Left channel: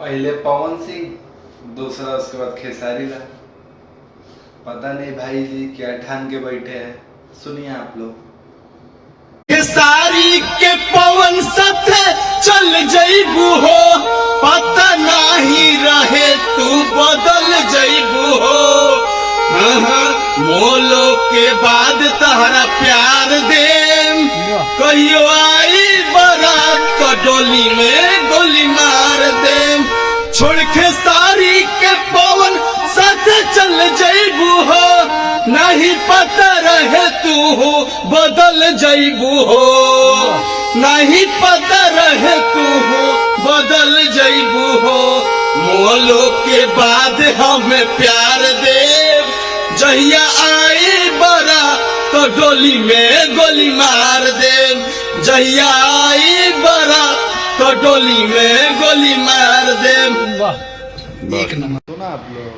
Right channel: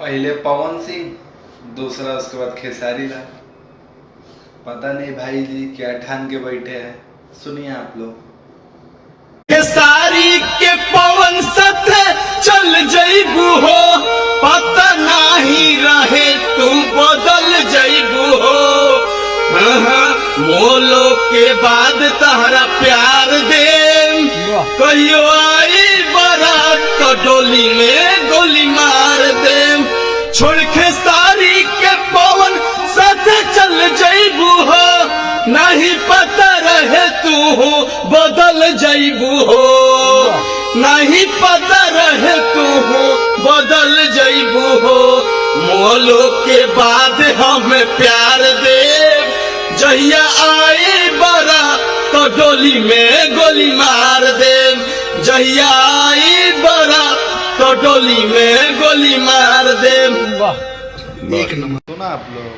पहले पवन सिंह, दूसरा उसके बाद खेसारी लाल। पता नहीं भाई जी क्या ठान के बैठे हैं, सुनिए आप लोग। खेसारी के पवन सथे चल जइबू हो, पता नहीं रहे तू बदल जइबू हो। मोलो के बाद तहरा प्यार दे, कहियो आई बारात तो डोली में गोली मार दे। छोड़ खेसारी के पवन साथे चल जइबू हो, नहीं पता रहे तू हो बदल जइबू हो। नहीं पता रहे तू हो बदल जइबू हो। मोलो के बाद हमें प्यार दे, जहिया आए बरा तो डोली में गोली मार दे। जहिया आए बरा तो डोली में गोली मार दे। सुना आप लोग।